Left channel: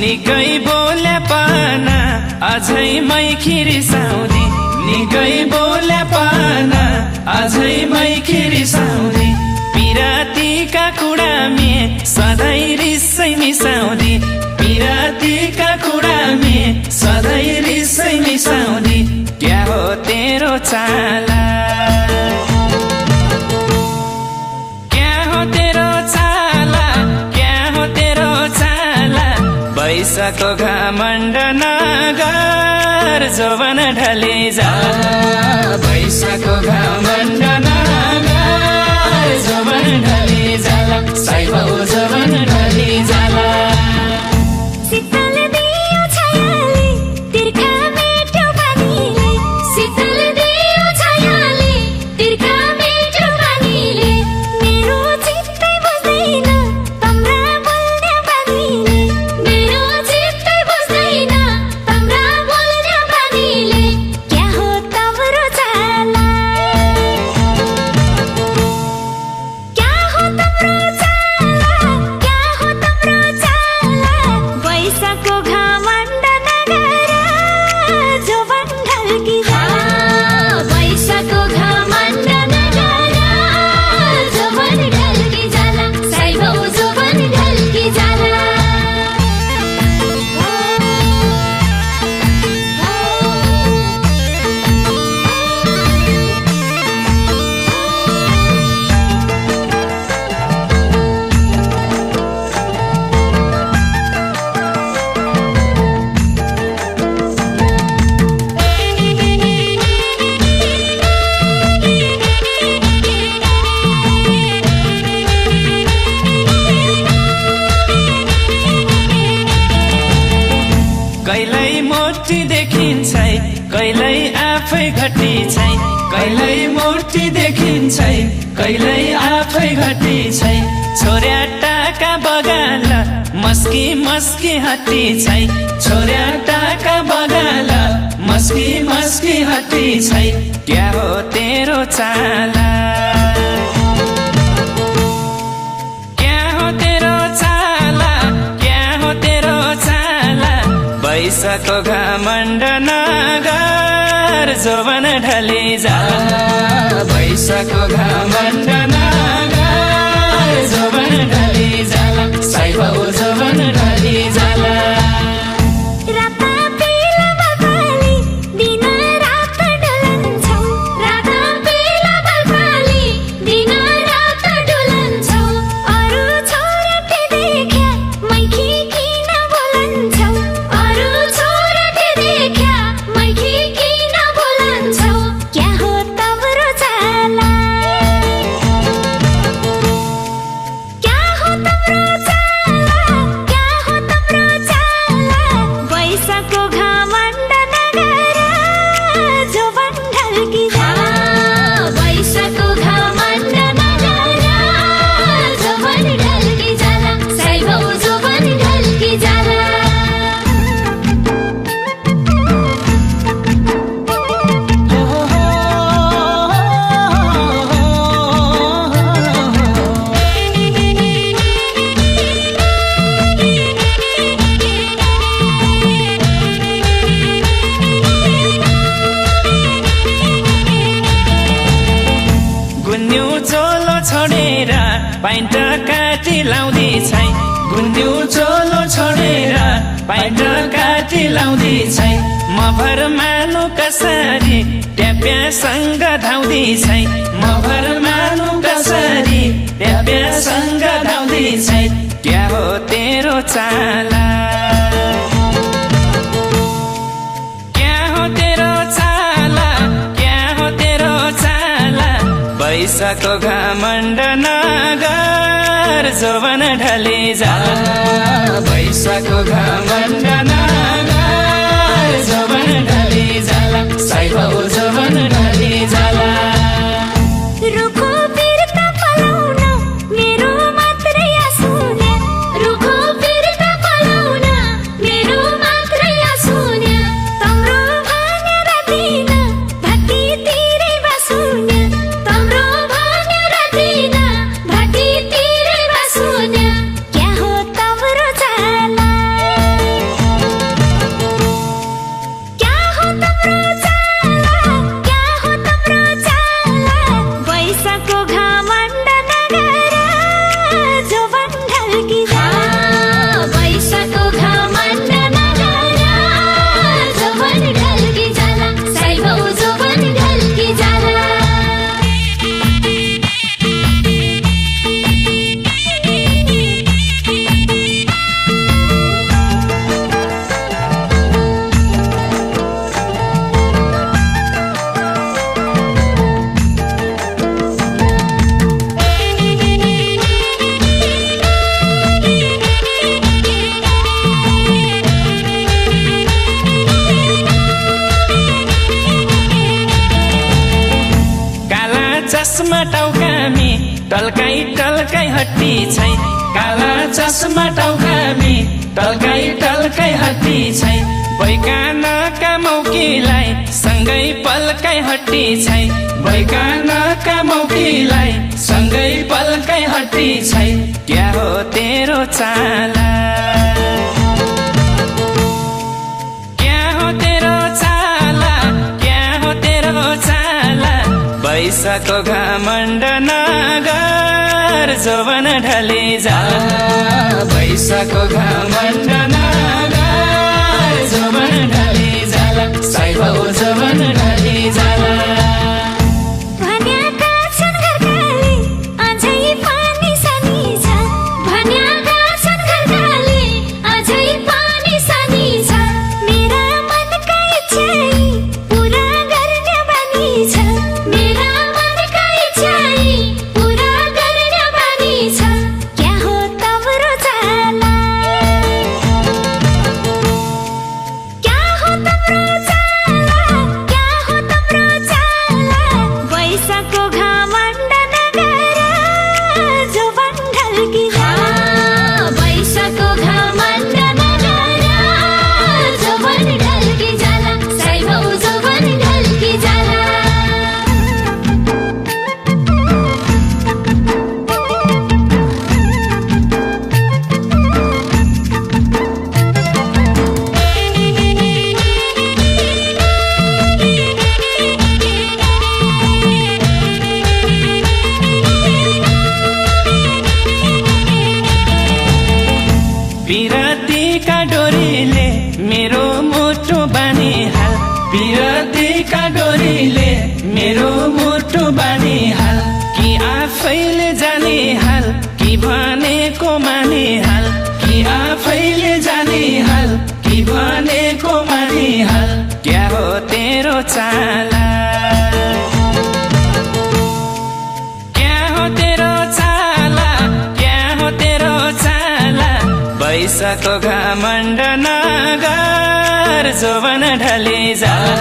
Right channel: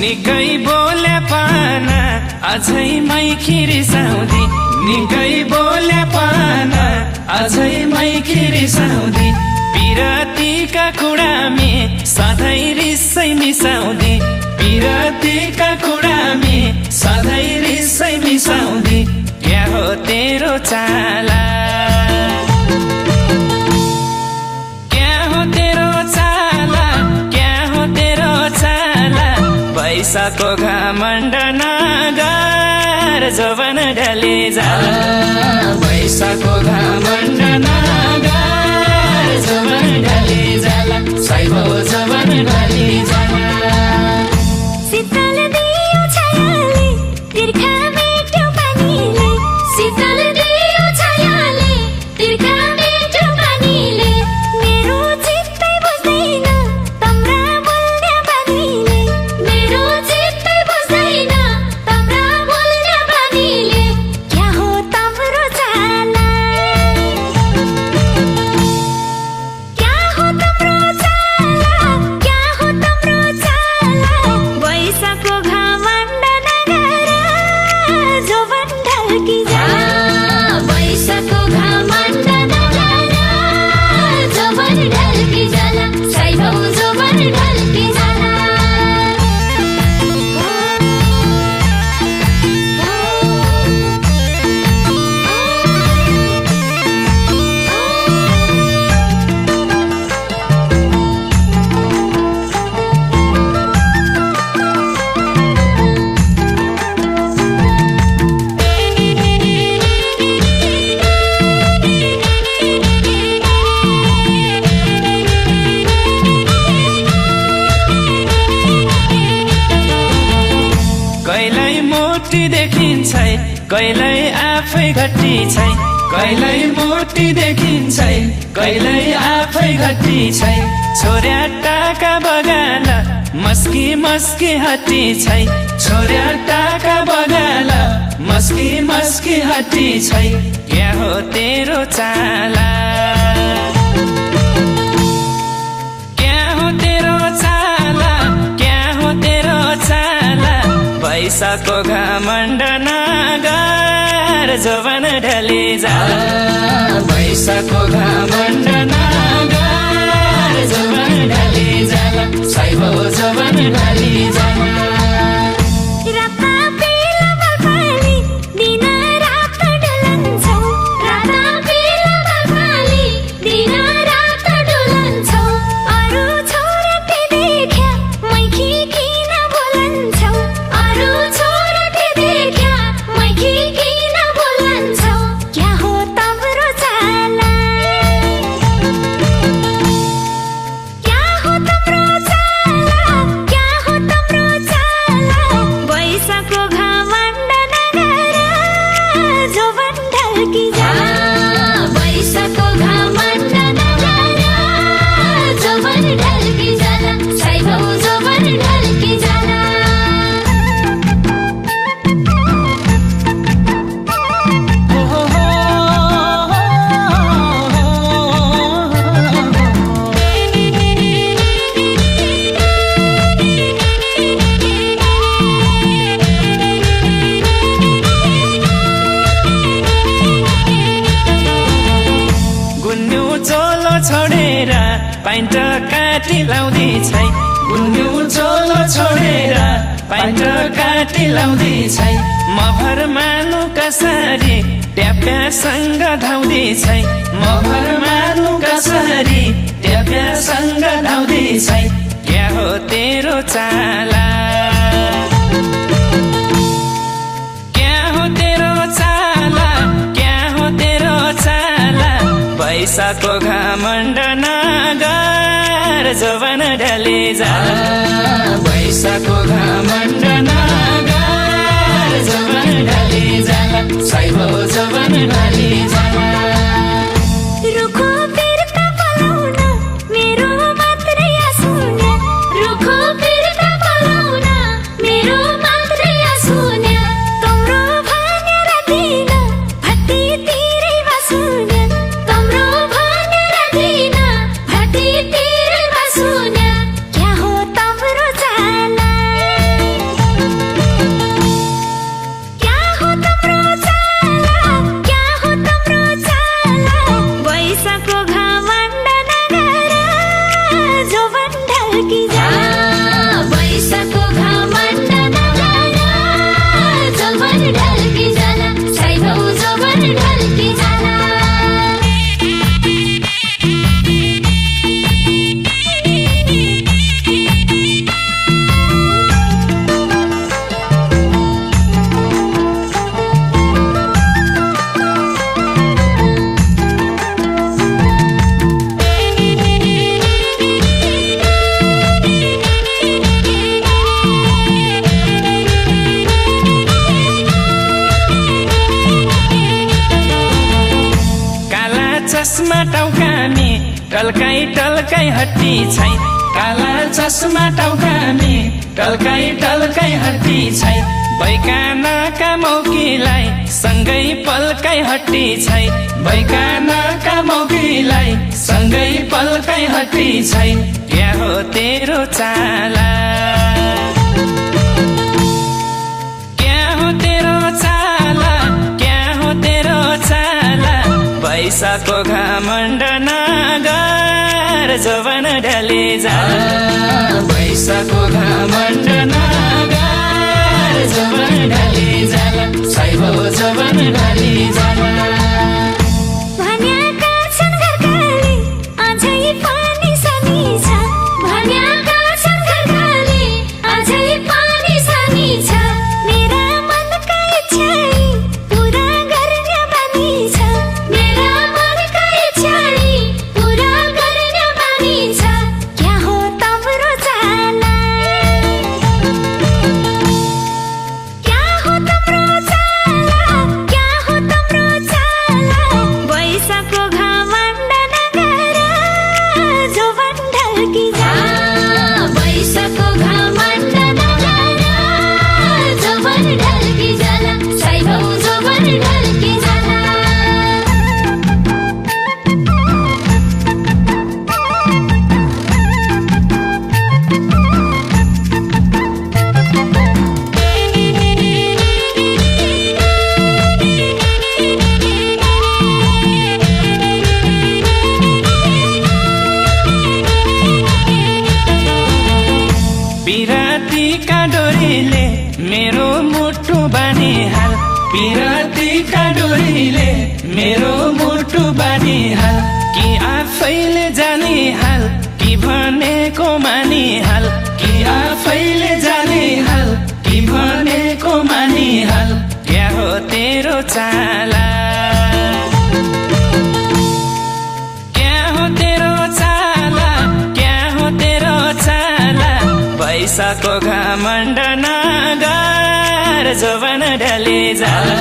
निकै बोले पाना अझै मैखी रिसाउँदी निकै बोले पाना अझै मैखी रिसाउँदी पिरातीका कुरामे सधैँ रिसै मिसाउँदी पिरातीका कुरामे सधैँ रिसै मिसाउँदी क्या हो तेरो चाला क्या हो तेरो चाला क्या हो तेरो चाला पैसाको घमण्ड नगर जवन ढले जाला पैसाको घमण्ड नगर जवन ढले जाला साइबाउ जवन ढले जाला शीतल दियो छायाले तिर्खा मेटो पानीले शीतल दियो छायाले तिर्खा मेटो पानीले मेरो चित्तै बुझ्दैन तम्रा बोल्ने बानीले मेरो चित्तै बुझ्दैन तम्रा बोल्ने बानीले क्या हो तम्रो चाला क्या हो तम्रो चाला क्या हो तम्रो चाला वैशाखको घमण्ड नगर जवन ढल्की जाला वैशाखको घमण्ड नगर जवन ढल्की जाला साइबाउ जवन ढल्की जाला कहिल्यै मूर्ति देखिन्छ कहिल्यै आफै घटी छै कहिल्यै मूर्ति देखिन्छ कहिल्यै आफै घटी छै छोर्या टाका बगाल मस्की मस्की हटी छै छोर्या टाका बगाल मस्की मस्की हटी छै क्या हो तेरो चाला क्या हो तेरो चाला क्या हो तेरो चाला पैसाको घमण्ड नगर जवन ढले जाला पैसाको घमण्ड नगर जवन ढले जाला साइबाउ जवन ढले जाला राता बेला बगाली दिन रात डुलन्छौ राता बेला बगाली दिन रात डुलन्छौ अरू छोराले देख्या मैखी किन बोलन्छौ अरू छोराले देख्या मैखी किन बोलन्छौ क्या हो तम्रो चाला क्या हो तम्रो चाला क्या हो तम्रो चाला वैशाखको घमण्ड नगर जवन ढल्की जाला वैशाखको घमण्ड नगर जवन ढल्की जाला साइबाउ जवन ढल्की जाला गुन्यु चोलो छोडेर पाइन्ट काटी लाउँदी छै गुन्यु चोलो छोडेर पाइन्ट काटी लाउँदी छै म भर मानु कसरी ट्याप्यासँग धाउँदी छै म भर मानु कसरी ट्याप्यासँग धाउँदी छै क्या हो तेरो चाला क्या हो तेरो चाला क्या हो तेरो चाला पैसाको घमण्ड नगर जवन ढले जाला पैसाको घमण्ड नगर जवन ढले जाला साइबाउ जवन चस्मा टाउकामी टल्काई टल्काई हट्टी छै काला चस्मा टाउकामी टल्काई टल्काई हट्टी छै बैकानाका मौकीलाई सँगै पल्काई हट्टी छै बैकानाका मौकीलाई सँगै पल्काई हट्टी छै क्या हो तेरो चाला पैसाको घमण्ड नगर जवन ढले जाला पैसाको घमण्ड नगर जवन ढले जाला साइबाउ जवन ढले जाला भन्याका छन् घरकाले अझै पानी सानी छ भन्याका छन् घरकाले अझै पानी सानी छ मेरा मनका इच्छाई पुरा गर्ने बानी छ क्या हो तम्रो चाला क्या हो तम्रो चाला वैशाखको घमण्ड नगर जोवन ढल्की जाला वैशाखको घमण्ड नगर जोवन ढल्की जाला साइबाउ जोवन ढल्की जाला पिरातीका डोरीले मेरो मुटु बानिहाल पिरातीका डोरीले मेरो मुटु बानिहाल कि आफैले जानिहाल कि भनेको मानिहाल कि आफैले जानिहाल कि भनेको मानिहाल क्या हो तेरो चाला क्या हो तेरो चाला क्या हो तेरो चाला पैसाको घमण्ड नगर जवन ढले जाला